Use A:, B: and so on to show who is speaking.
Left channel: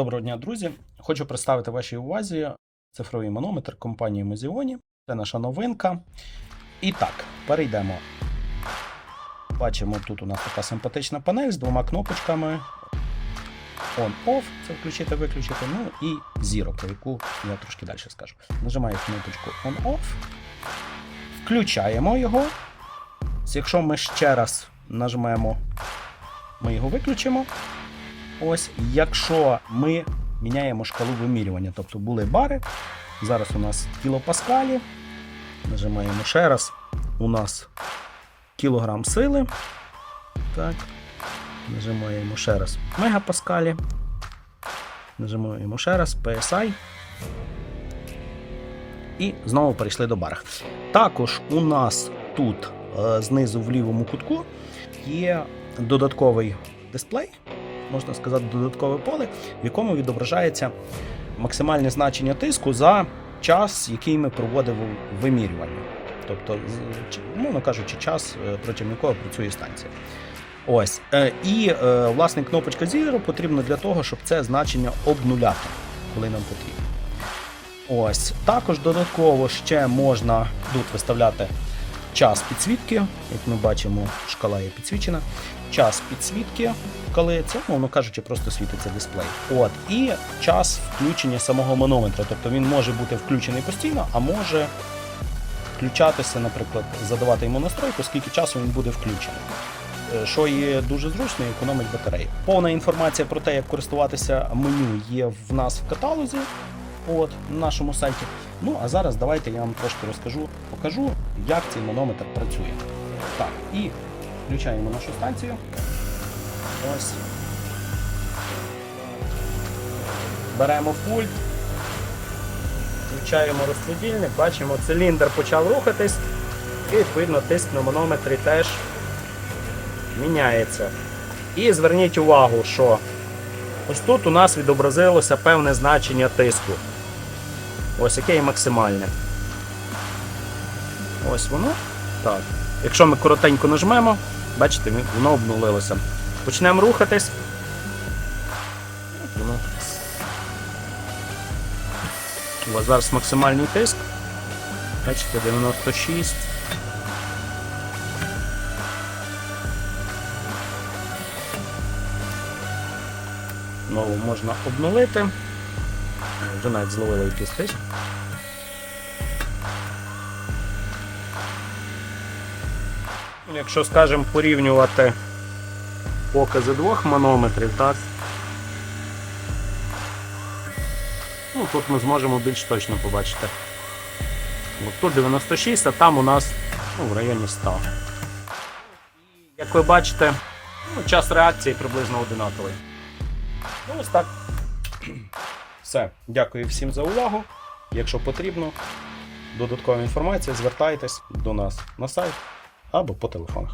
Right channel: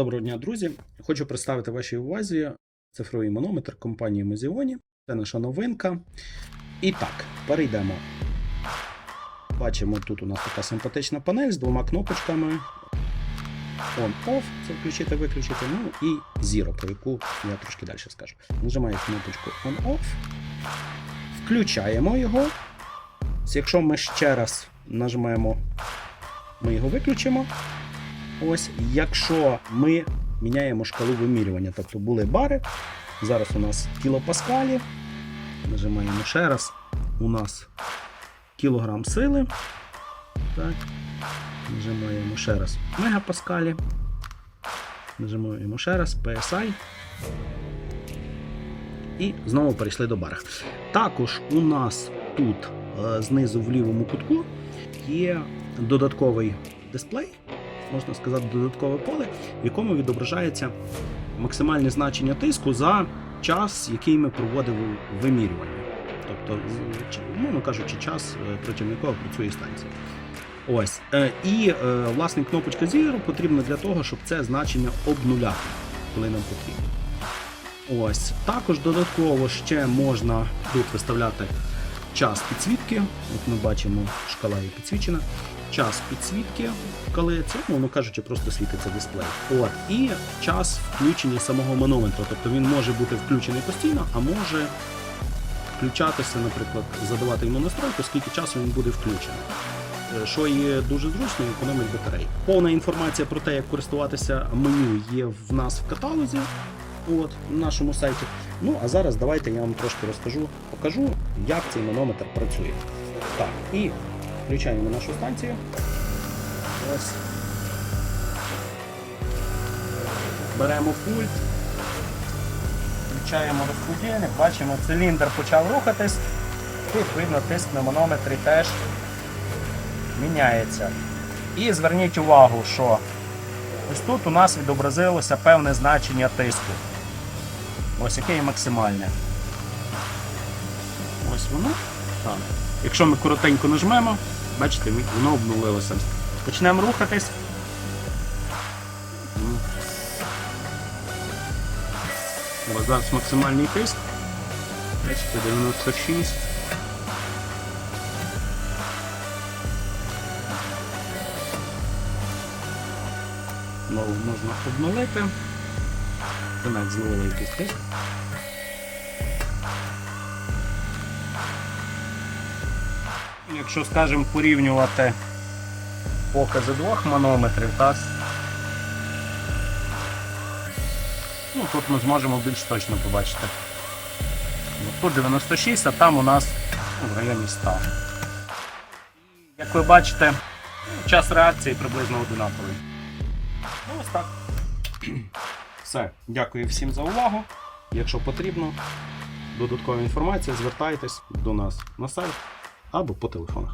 A: Доброго дня, друзі! Хочу представити вашій увазі цифровий манометр компанії Mozioni. Це наша новинка. І так, перейдемо. Бачимо, тут у нас така симпатична панель з двома кнопочками. On-off, це включити, виключити, ну і Zero, про яку я трошки далі скажу. Нажимаю кнопочку On-off, включаємо його. Якщо ми ще раз нажмемо, ми його виключимо. Ось, якщо ми міняємо шкалу вимірювання, тобто були бари, зараз у нас кілопаскалі, нажимаємо ще раз, у нас кілограм сили. Так. Нажимаємо ще раз мегапаскалі. Нажимаємо ще раз PSI. І знову перейшли до бара. Також у нас тут е, знизу в лівому кутку є додатковий дисплей, можна сказати, додаткове поле, в якому відображається максимальне значення тиску за час, який ми проводимо вимірювання. Тобто, умовно кажучи, час, е, протягом якого працює станція. Ось. Е, І, е, власне, кнопочка Zero потрібна для того, щоб це значення обнуляти, коли нам потрібно. Ось. Також додатково ще можна тут виставляти час підсвітки. Як ми бачимо, шкала є підсвічена. Час підсвітки, коли це, мовно кажучи, просто світиться дисплей. От. І час включення самого манометра. Тобто він може бути включений постійно, а може включатися, наприклад, задавати йому настройку, скільки часу він буде включений. Е, Що є дуже зручно і економить батареї. Повна інформація про те, як користуватися меню, є в нас в каталозі. От, на нашому сайті. Ну, а зараз давайте я вам трошки розкажу, покажу, як цей манометр працює. Так, і включаємо нашу станцію. Ось. Беремо пульт, включаємо розподільник, бачимо, циліндр почав рухатись, і відповідно тиск на манометрі теж міняється. І зверніть увагу, що ось тут у нас відобразилося певне значення тиску. Ось яке є максимальне. Ось воно. Так. Якщо ми коротенько нажмемо, бачите, воно обнулилося. Почнемо рухатись. Ось зараз максимальний тиск. Бачите, 96. Знову можна обнулити. Вже навіть якийсь тиск. Якщо, скажімо, порівнювати покази двох манометрів, так? Ну, тут ми зможемо більш точно побачити. От тут 96, а там у нас ну, в районі 100. Як ви бачите, ну, час реакції приблизно одинаковий. Ну, ось так. Все. Дякую всім за увагу. Якщо потрібно, додаткова інформація, звертайтесь до нас на сайт або по телефонах.